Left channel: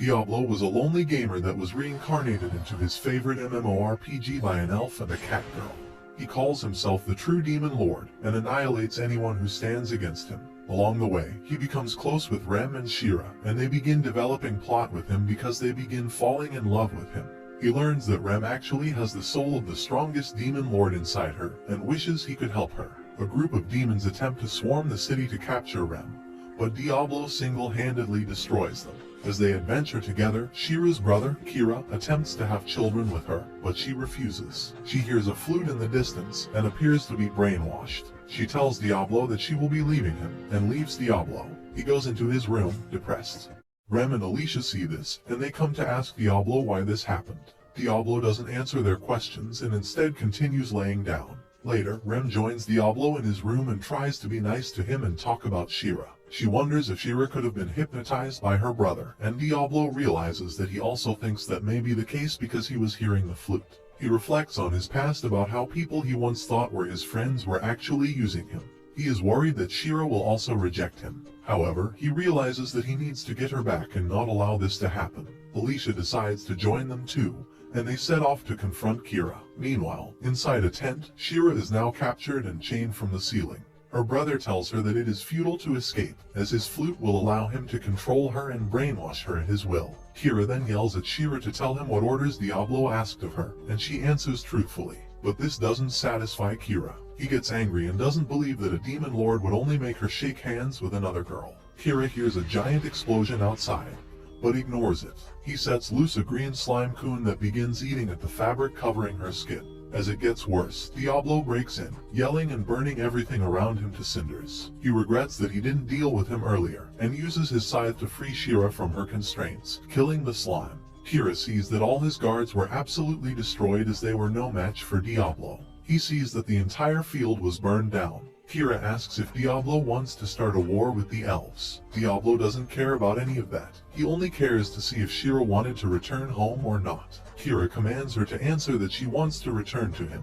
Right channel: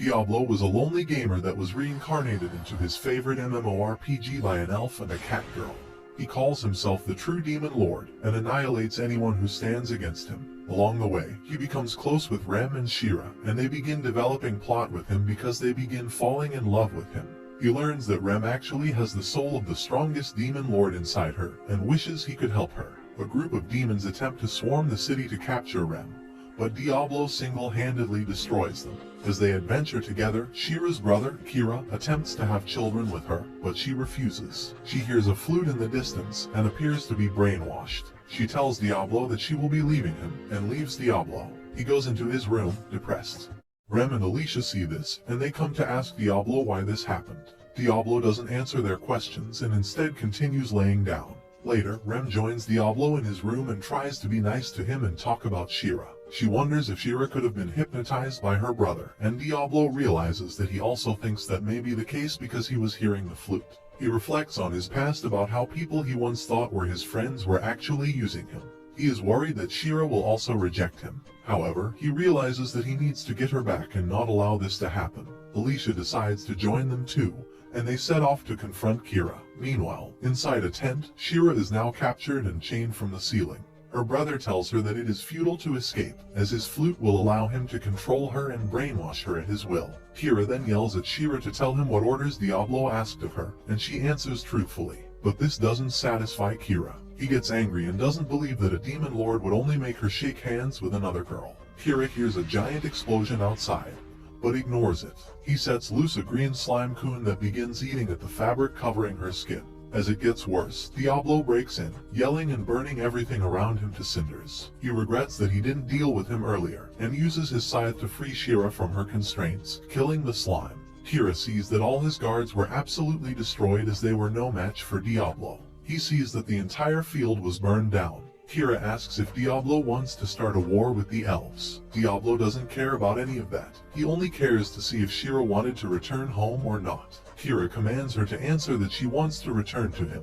Diablo was a lonely gamer that was reincarnated into his favorite MMO RPG by an elf and a cat girl. He calls himself the true demon lord and annihilates anyone who stands against him. Along the way, he becomes close with Rem and Shira, and they begin developing plot with him because they begin falling in love with him. He learns that Rem actually has the soul of the strongest demon lord inside her, and wishes he could help her. A group of demons attempt to swarm the city to capture Rem, but Diablo single-handedly destroys them. As they adventure together, Shira's brother, Kira, attempts to have children with her, but she refuses. She hears a flute in the distance and appears to be brainwashed. She tells Diablo that she will be leaving him, and leaves Diablo. He goes into his room, depressed. Rem and Alicia see this, and they come to ask Diablo why this happened. Diablo doesn't answer their questions and instead continues laying down. Later, Rem joins Diablo in his room and tries to be nice to him and talk about Shira. She wonders if Shira could have been hypnotized by her brother, and Diablo realizes that he also thinks that may be the case because he was hearing the flute. He reflects on his past about how people he once thought were his friends were actually using him. He is worried that Shira will also reject him. However, he realizes that he needs to get her back and not allow this to happen. Alicia decides to join them too, and they set off to confront Kira. Meanwhile, inside a tent, Shira is now captured and chained from the ceiling. Her brother tells her that it is futile to escape, as his flute will allow him to control her and brainwash her at his will. Kira then yells at Shira to tell him what orders Diablo asked of her, and she answers truthfully. But this doesn't satisfy Kira. He gets angry and doesn't believe that a demon lord would only make her shake hands with another girl. Kira hears a giant explosion outside, but ignores it. He sets loose a green slime coon that begins eating at the fabric covering her skin. As it gets worse, Diablo breaks in, yelling and burning everything around him to cinders. He regrets that he didn't deal with him earlier, and uses his scythe to free Shira from her constraints, killing the slime. Kira sees that all his guards were absolutely destroyed as they were no match for Diablo. He sees that the entire field was burned down. Kira asks if Diablo wants to start a war with the elves. Diablo doesn't care about any of that. He only cares to see if Shira wanted to return home or not. Kira commands her to answer that she wants to return to him,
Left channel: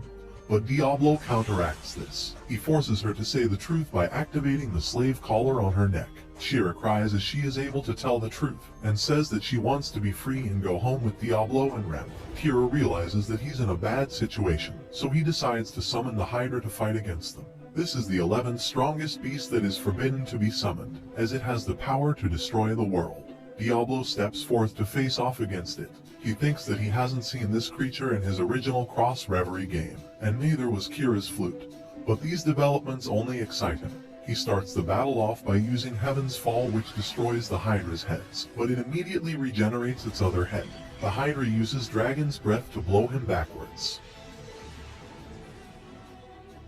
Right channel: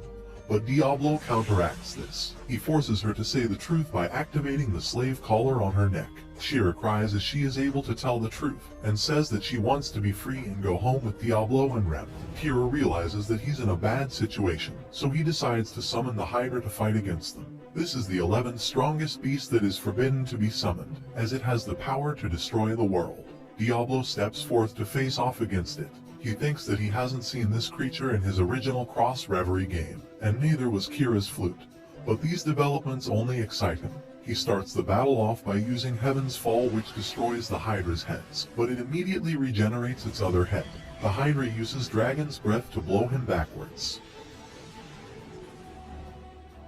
but Diablo counteracts this. He forces her to say the truth by activating the slave collar on her neck. Shira cries as she is able to tell the truth, and says that she wants to be free and go home with Diablo and Rem. Kira realizes that he's in a bad situation, so he decides to summon the Hydra to fight against them. This is the 11th strongest beast that is forbidden to be summoned, as it has the power to destroy the world. Diablo steps forth to face off against it. He thinks that he hasn't seen this creature in his original Cross Reverie game, and neither was Kira's flute. But these developments only excite him. He starts the battle off by using Heaven's Fall, which destroys the Hydra's heads, but it immediately regenerates its other head. The Hydra uses Dragon's Breath to blow him backwards.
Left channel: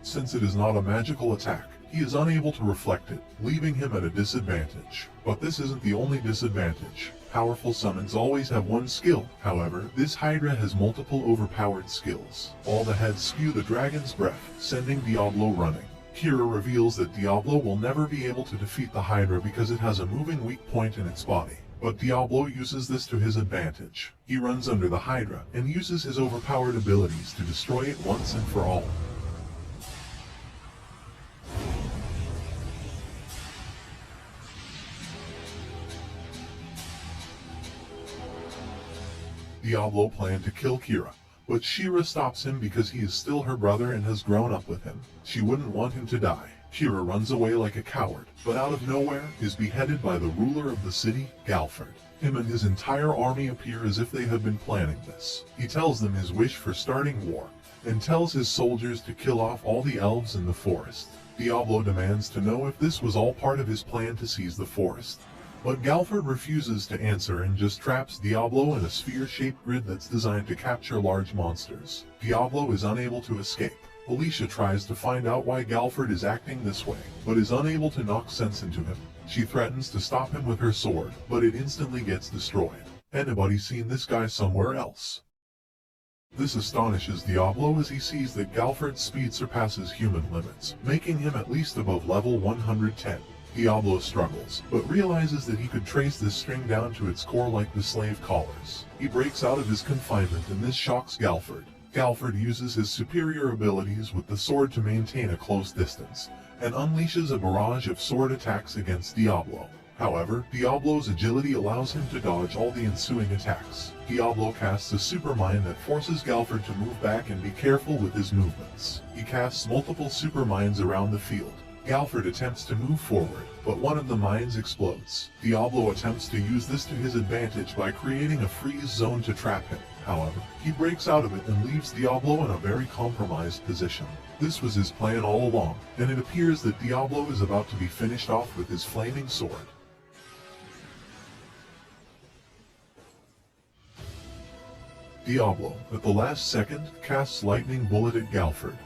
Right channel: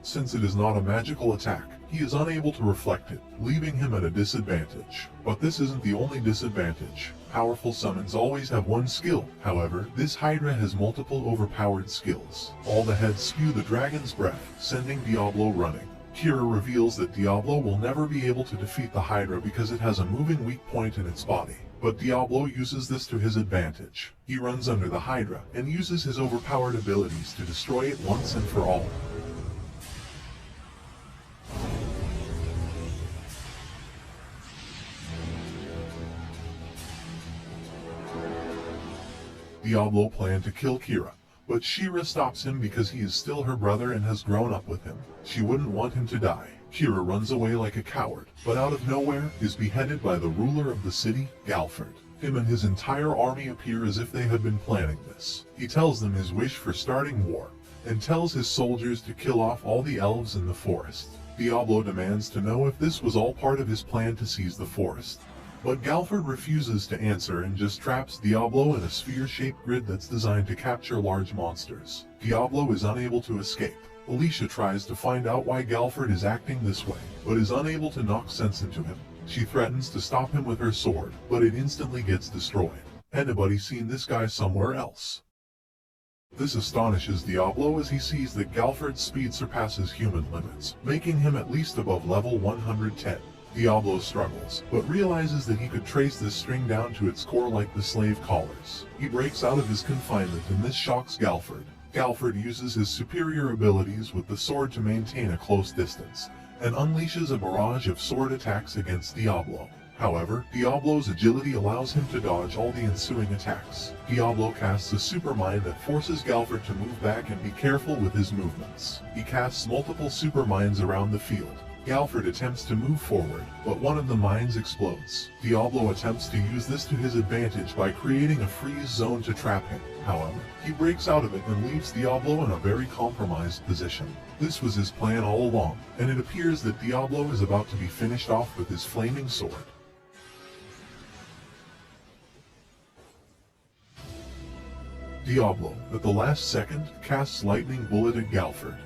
Since it is not a magical attack, he is unable to reflect it, leaving him at a disadvantage. But this isn't the only disadvantage. Powerful summons always have one skill. However, this Hydra has multiple overpowered skills. All the heads spew the Dragon's Breath, sending Diablo running. Kira reveals that Diablo will never be able to defeat the Hydra because it has a moving weak point in its body. But Diablo uses this to his advantage. He runs under the Hydra and uses his overpowered abilities to destroy it once and for all. Diablo planned to kill Kira, but Shira stops him because he is still her brother and has grown up with him. She wouldn't want him to die. Kira runs away like a coward, but out of nowhere is beheaded by the ruler of the city, Galford. Him and his entire army appear as if they had been planning this. He tells them his wish for starting war, and tells his soldiers to kill off all the elves in the forest. Diablo demands to know if this was all part of his plan to seize the forest. But Galford refuses to answer and just traps Diablo in a sphere-shaped grid that's designed to capture large monsters. Diablo is unable to escape. Alicia tries to find out why Galford is acting this way, but is unable to knock sense into him. She threatens to stop him with her sword, but it instantly gets destroyed. Anybody seen this guy somewhere else? This astonishes Diablo as he sees that Galford's speed surpasses human limits, making him at least above level 110. Diablo struggles, but realizes that he could trace this string down to its core like the slave collars. He breaks out of his confinement and this shocks Galford. Galford uses his superior abilities with the sword to maintain a close distance, and unleashes a barrage of sword attacks against Diablo. However, Diablo's agility allows him to dodge all the ensuing attacks. Diablo casts a supermind that forces Galford to move back and be careful with his movements. He casts multiple superminds around the field. Galford attempts to move forward, but one of the mines explodes. Diablo attempts to use this to his advantage by creating a freeze zone to trap him. However, he breaks out of it and leaves Diablo in a very compromised position. This was his plan all along, and it appears that Diablo is about to be finished off with his flaming sword. Diablo, at the last second, casts Lightning Bullet at Galford.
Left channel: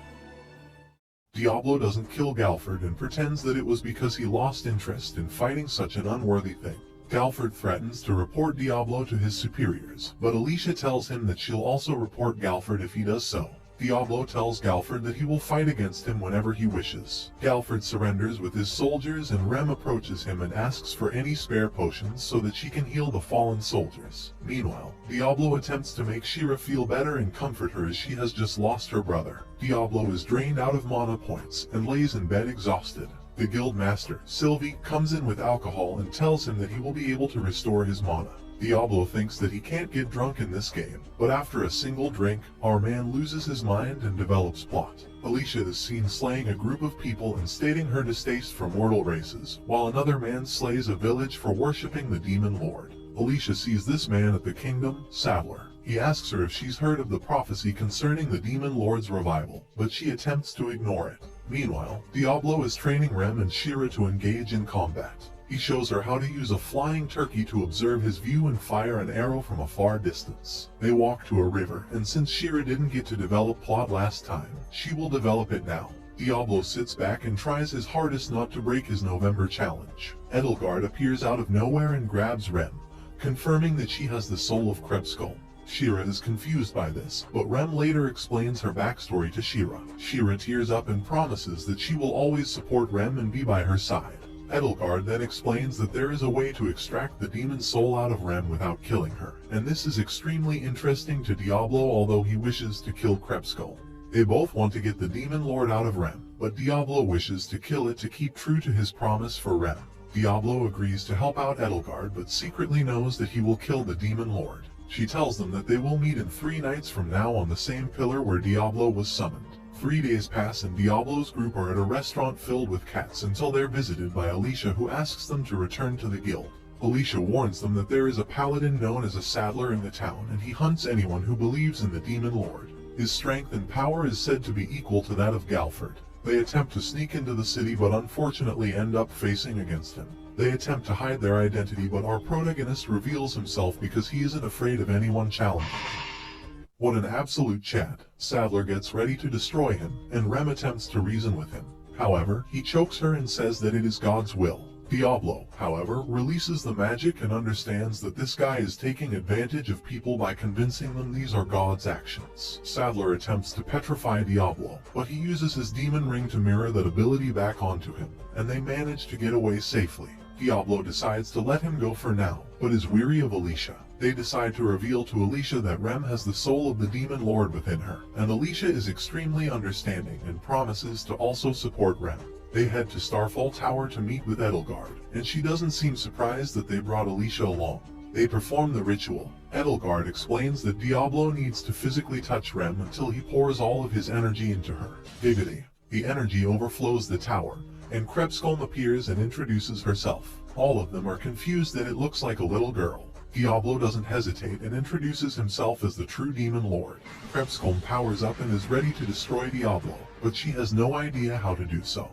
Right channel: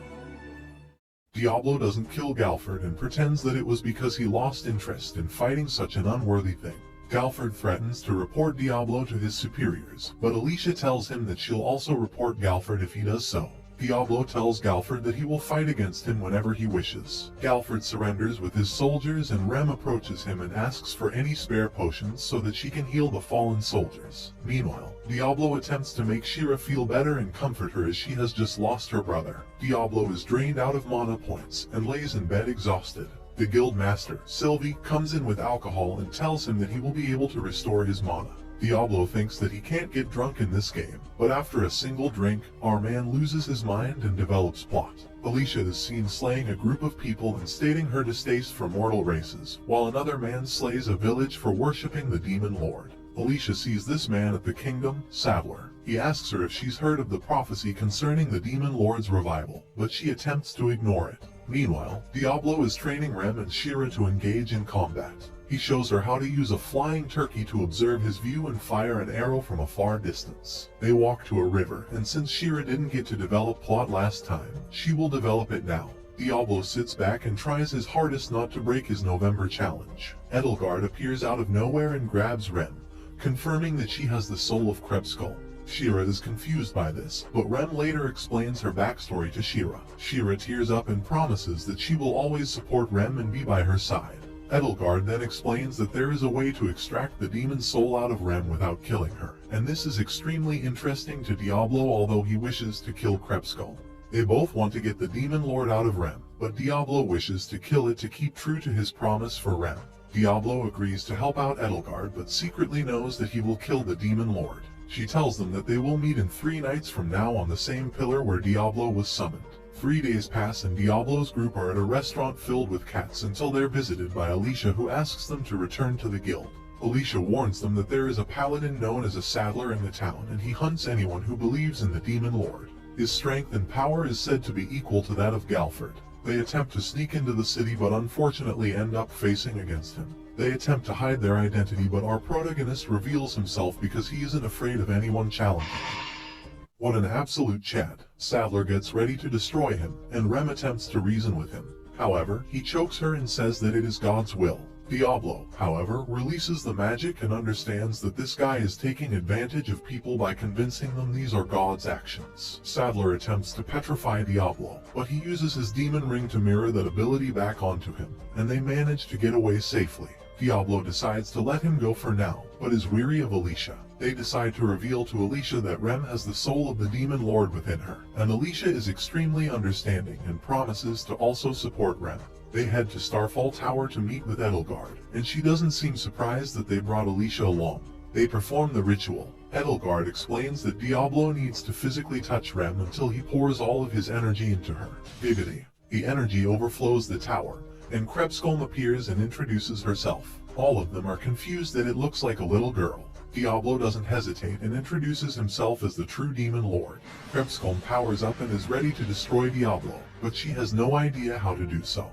Diablo doesn't kill Galford and pretends that it was because he lost interest in fighting such an unworthy thing. Galford threatens to report Diablo to his superiors, but Alicia tells him that she'll also report Galford if he does so. Diablo tells Galford that he will fight against him whenever he wishes. Galford surrenders with his soldiers and Rem approaches him and asks for any spare potions so that she can heal the fallen soldiers. Meanwhile, Diablo attempts to make Shira feel better and comfort her as she has just lost her brother. Diablo is drained out of mana points and lays in bed exhausted. The guild master, Sylvie, comes in with alcohol and tells him that he will be able to restore his mana. Diablo thinks that he can't get drunk in this game, but after a single drink, our man loses his mind and develops plot. Alicia is seen slaying a group of people and stating her distaste for mortal races, while another man slays a village for worshipping the demon lord. Alicia sees this man at the kingdom, Sadler. He asks her if she's heard of the prophecy concerning the demon lord's revival, but she attempts to ignore it. Meanwhile, Diablo is training Rem and Shira to engage in combat. He shows her how to use a flying turkey to observe his view and fire an arrow from a far distance. They walk to a river, and since Shira didn't get to develop plot last time, she will develop it now. Diablo sits back and tries his hardest not to break his November challenge. Edelgard appears out of nowhere and grabs Rem, confirming that she has the soul of Krebskull. Shira is confused by this, but Rem later explains her backstory to Shira. Shira tears up and promises that she will always support Rem and be by her side. Edelgard then explains that there is a way to extract the demon's soul out of Rem without killing her, and this is extremely interesting to Diablo, although he wishes to kill Krebskull. They both want to get the demon lord out of Rem, but Diablo wishes to kill it to keep true to his promise for Rem. Diablo agrees to help out Edelgard, but secretly knows that he will kill the demon lord. She tells them that they will meet in 3 nights from now on the same pillar where Diablo was summoned. 3 days pass and Diablo's group are at a restaurant filled with cats until they're visited by Alicia, who asks them to return to the guild. Alicia warns them that there is a paladin known as a Sadler in the town, and he hunts anyone who believes in the demon lord. His strength and power is said to be equal to that of Galford. They attempt to sneak into the city but unfortunately end up facing against him. They attempt to hide their identity, but our protagonist reveals himself because he isn't afraid of anyone challenging him. What an absolute Chad. Sadler gets ready to destroy him, and Rem attempts to reason with him. However, he chokes her and says that it is God's will. Diablo, however, releases the magic and understands that this guy is taking advantage of people by convincing them these are God's actions. Sadler attempts to petrify Diablo, but he uses his demon ring to mirror that ability back onto him, and they manage to get away safely. Diablo decides to let him go for now, but is weary of Alicia. They decide to reveal to Alicia that Rem has the soul of the demon lord within her, and Alicia is extremely understanding and promises to also support Rem. They head to Starfall Tower to meet with Edelgard, and she doesn't seem surprised that they brought Alicia along. They perform the ritual. Edelgard explains that Diablo needs to physically touch Rem until he pours all of his energy into her. Giggity. The energy overflows the tower, and Krebskull appears and introduces herself. All of them are confused that it looks like a little girl. Diablo doesn't hesitate and introduces himself as the true demon lord. Krebskull powers up and is ready to destroy Diablo, but she has no idea how to do so.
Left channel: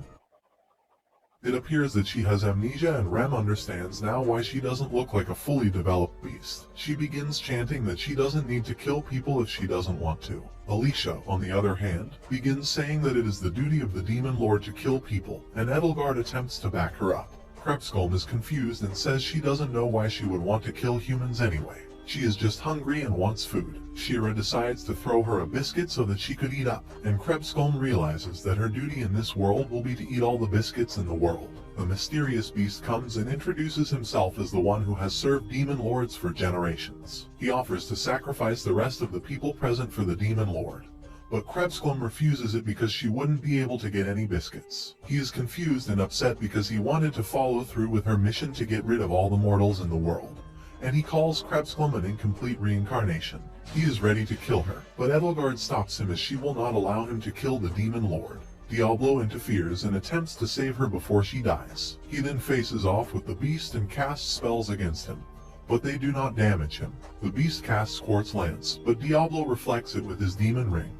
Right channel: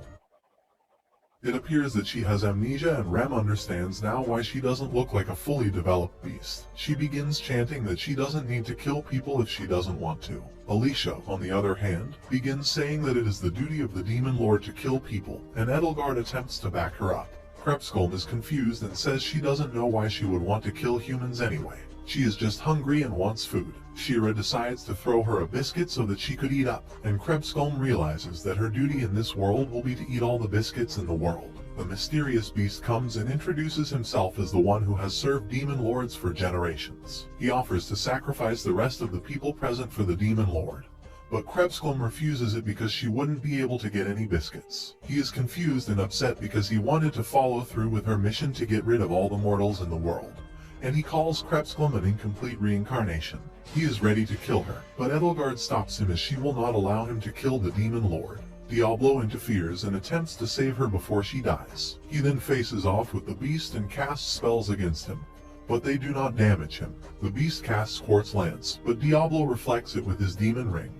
It appears that she has amnesia, and Rem understands now why she doesn't look like a fully developed beast. She begins chanting that she doesn't need to kill people if she doesn't want to. Alicia, on the other hand, begins saying that it is the duty of the demon lord to kill people, and Edelgard attempts to back her up. Krebskull is confused and says she doesn't know why she would want to kill humans anyway. She is just hungry and wants food. Shira decides to throw her a biscuit so that she could eat up, and Krebskull realizes that her duty in this world will be to eat all the biscuits in the world. The mysterious beast comes and introduces himself as the one who has served demon lords for generations. He offers to sacrifice the rest of the people present for the demon lord. but Krebsglum refuses it because she wouldn't be able to get any biscuits. He is confused and upset because he wanted to follow through with her mission to get rid of all the mortals in the world, and he calls Krebsglum an incomplete reincarnation. He is ready to kill her, but Edelgard stops him as she will not allow him to kill the Demon Lord. Diablo interferes and attempts to save her before she dies. He then faces off with the beast and casts spells against him, but they do not damage him. The beast casts Quartz Lance, but Diablo reflects it with his demon ring.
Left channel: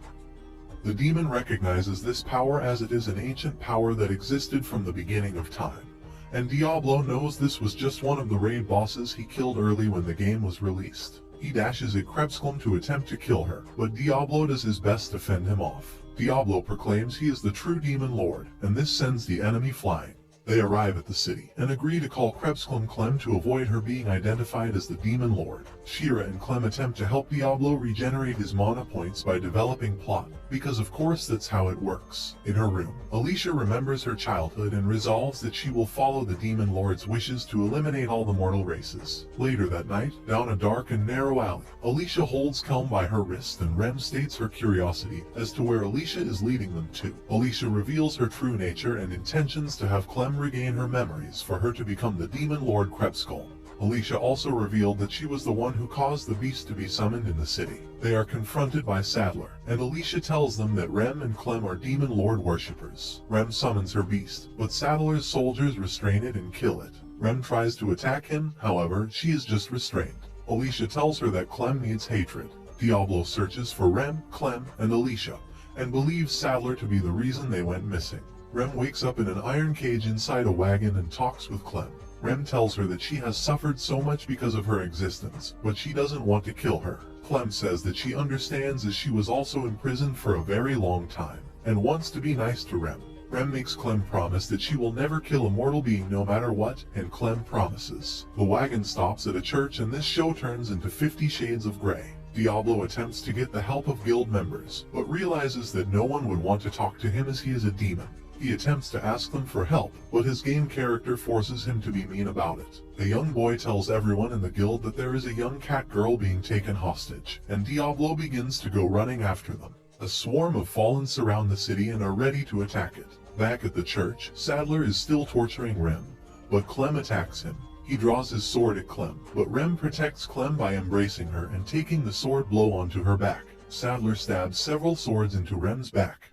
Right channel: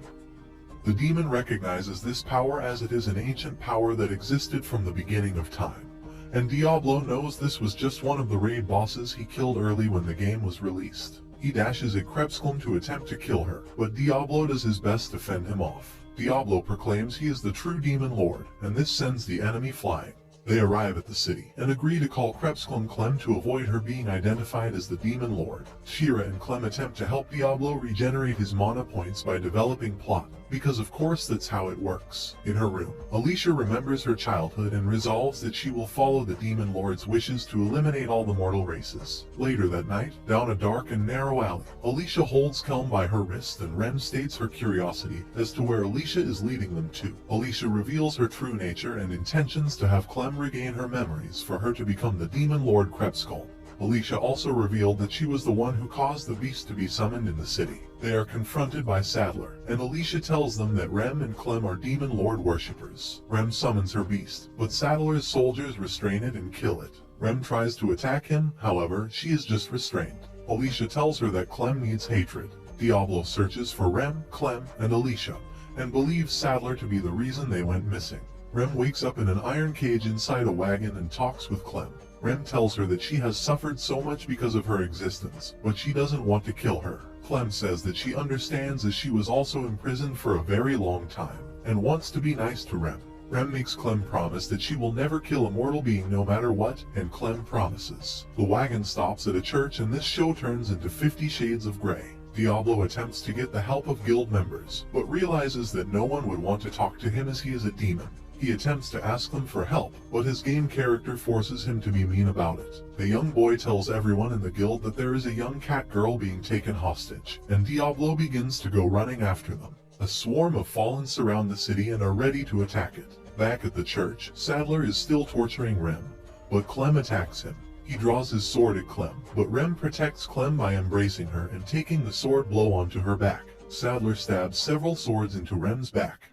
The demon recognizes this power as it is an ancient power that existed from the beginning of time, and Diablo knows this was just one of the raid bosses he killed early when the game was released. He dashes at Krebsglum to attempt to kill her, but Diablo does his best to fend him off. Diablo proclaims he is the true Demon Lord, and this sends the enemy flying. They arrive at the city, and agree to call Krebsglum Clem to avoid her being identified as the Demon Lord. Shira and Clem attempt to help Diablo regenerate his mana points by developing plot, because of course that's how it works. In her room, Alicia remembers her childhood and resolves that she will follow the Demon Lord's wishes to eliminate all the mortal races. Later that night, down a dark and narrow alley, Alicia holds Clem by her wrist and Rem states her curiosity as to where Alicia is leading them to. Alicia reveals her true nature and intentions to have Clem regain her memories for her to become the Demon Lord Krebsglum. Alicia also revealed that she was the one who caused the beast to be summoned in the city. They are confronted by Sadler, and Alicia tells them that Rem and Clem are Demon Lord worshippers. Rem summons her beast, but Sadler's soldiers restrain it and kill it. Rem tries to attack him, however, she is just restrained. Alicia tells her that Clem needs hatred. Diablo searches for Rem, Clem, and Alicia, and believes Sadler to be the reason they went missing. Rem wakes up in an iron cage inside a wagon and talks with Clem. Rem tells her that she has suffered so much because of her existence, but she doesn't want to kill her. Clem says that she understands as she was also imprisoned for a very long time, and wants to be nice to Rem. Rem makes Clem promise that she will never kill a mortal being no matter what, and Clem promises. The wagon stops at a church and this show turns into 50 Shades of Grey. Diablo attempts to get the help of guild members, but realizes that no one would want to talk to him as he is a demon. He attempts to ask them for help, but his game character forces him to be mean about it. The young boy tells everyone in the guild that there is a young cat girl being taken hostage, and Diablo begins to go running after them. A swarm of fallen surround the city and are ready to attack it. Back at the church, Sadler is still torturing Rem, but Clem attacks him. He draws his sword at Clem, but Rem protects Clem by embracing her and taking the sword blow onto her back. Sadler stabs several swords into Rem's back.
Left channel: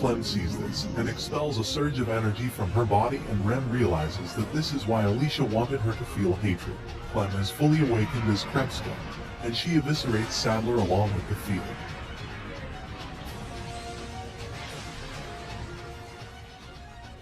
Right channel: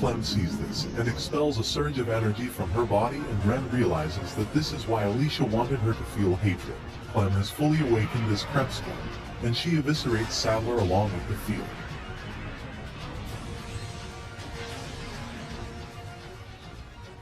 Clem sees this and expels a surge of energy from her body, and Rem realizes that this is why Alicia wanted her to feel hatred. Clem is fully awakened as Krebsglum, and she eviscerates Sadler along with the field.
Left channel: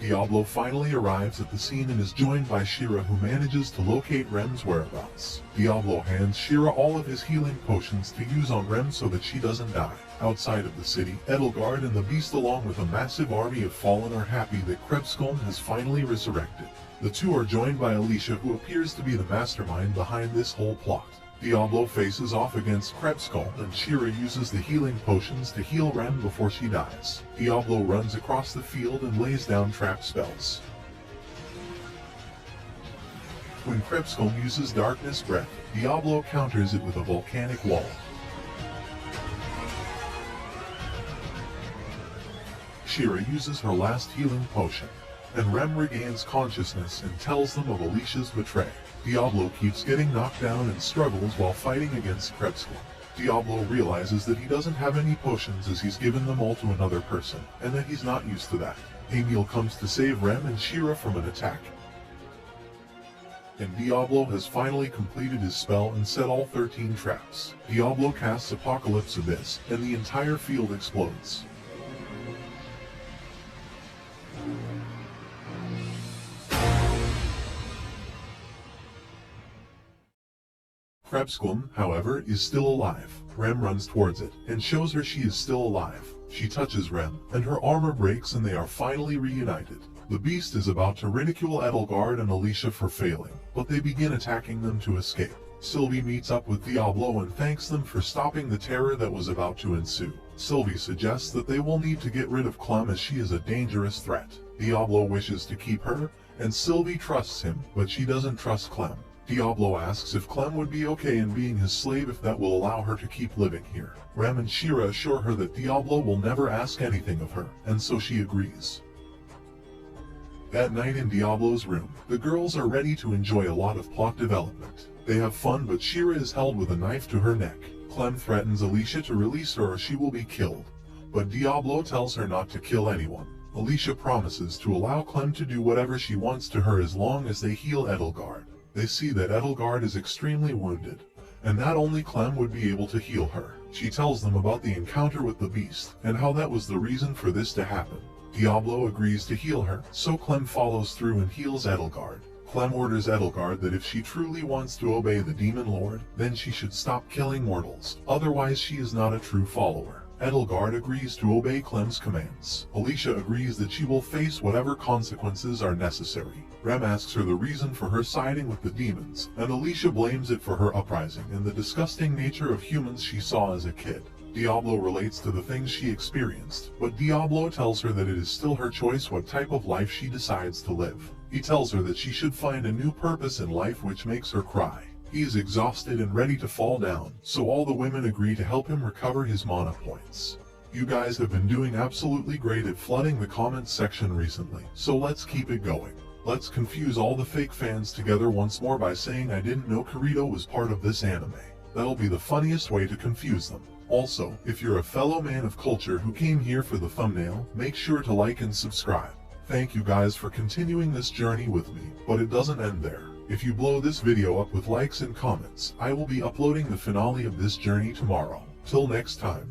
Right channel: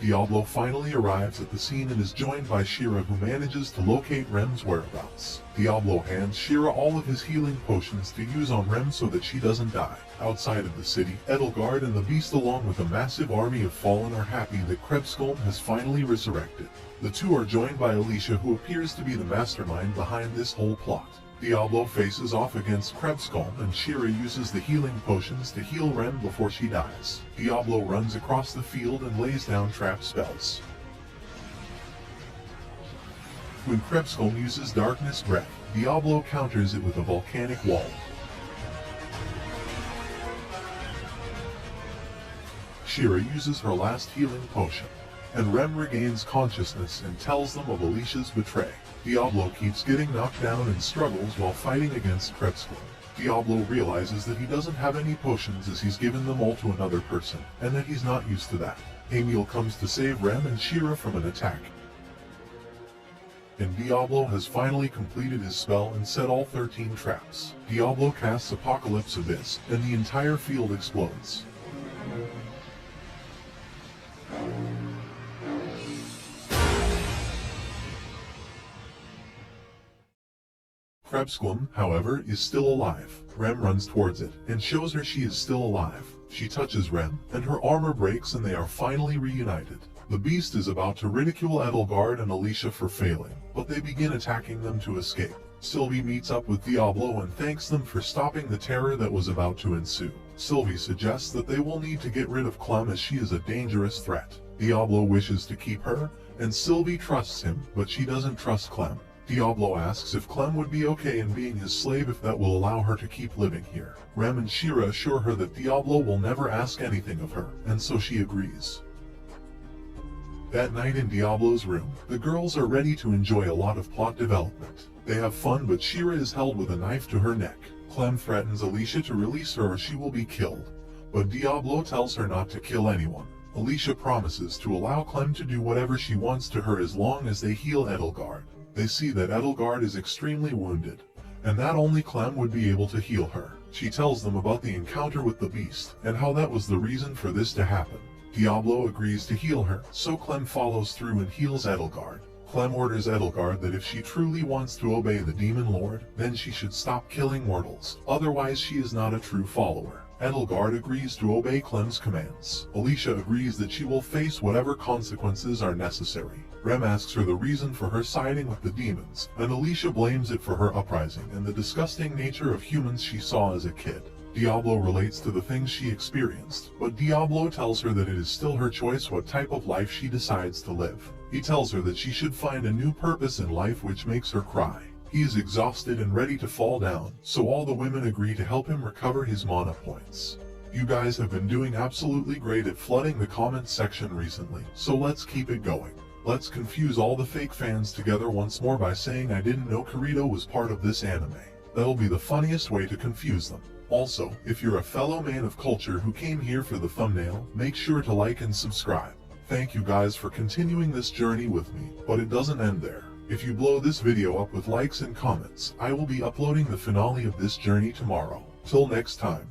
Diablo finally arrives at the scene and is joined by Shira, who manages to locate Rem's whereabouts. Diablo hands Shira all of his healing potions to use on Rem so that she doesn't die. Outside of the city, Edelgard and the Beast along with a massive army of Fallen are happy that Krebsglum has finally resurrected. The two are joined by Alicia, who appears to be the mastermind behind this whole plot. Diablo faces off against Krebsglum, and Shira uses the healing potions to heal Rem before she dies. Diablo runs across the field and lays down trap spells. When Krebsglum uses Darkness Breath, Diablo counters it with a volcanic wall. Shira uses her last healing potion, and Rem regains consciousness and tells them of Alicia's betrayal. Diablo keeps getting knocked down and struggles while fighting against Krebsglum. Diablo realizes that he doesn't have any potions as he's given them all to another person, and that he's not used to that. Emil comes to save Rem and Shira from an attack. And Diablo has finally completed his spell and set all 13 traps. Diablo casts Apocalypse Abyss, and the entire field explodes. Krebsglum, however, is still alive. Rem runs towards it, and shows her she is still alive. She touches Rem, and her armor breaks and they are finally reunited. The Beast is about to ridicule Edelgard and Alicia for failing, but they begin attacking them to escape. Sylvie meets up with Diablo and thanks them for stopping the terror that was about to ensue. Sylvie suggests that they will need to get rid of Clem as she is a dangerous threat. Diablo wishes to keep her, and Sylvie trusts him, but she doesn't trust Clem. Diablo asks if Clem would be okay in being his slave if that will allow her to keep living here. Rem and Shira assure her that Diablo will never ask anything of her, and so she agrees. That night in Diablo's room, the girls are ready to enjoy a lot of plot development. They have fun, but Shira is held with a knife to her neck. Clem threatens Alicia to release her or she will be killed, but Diablo tells her not to kill anyone. Alicia promises to allow Clem to do whatever she wants to her as long as they heal Edelgard. They see that Edelgard is extremely wounded, and that only Clem would be able to heal her. She tells them about the encounter with the beast, and how that was the reason for this to happen. Diablo agrees to heal her, so Clem follows through and heals Edelgard. Clem orders Edelgard that if she truly wants to obey the Demon Lord, then she should stop killing mortals, otherwise she is not a true follower. Edelgard agrees to obey Clem's commands. Alicia agrees that she will face whatever consequences are necessary. Rem asks her the reason for her siding with the demons, and Alicia blames it for her uprising and the disgusting nature of humans she saw as a kid. Diablo relates to the things she experienced, but Diablo tells her that it is still her choice what type of life she decides to live. He tells her that she should find a new purpose in life which makes her cry. He is exhausted and ready to fall down, so all the women agree to help him recover his mana points. You guys have been doing absolutely great at flooding the comments section recently, so let's keep it going. Let's confuse all the fake fans together once more by saying I didn't know Kirito was part of this anime. That'll be the funniest way to confuse them. Also, if you're a fellow man of culture who came here for the thumbnail, make sure to like and subscribe. Thank you guys for continuing this journey with me, but it doesn't end there. If you blow this video up with likes and comments, I will be uploading the finale of this journey tomorrow. Till next time.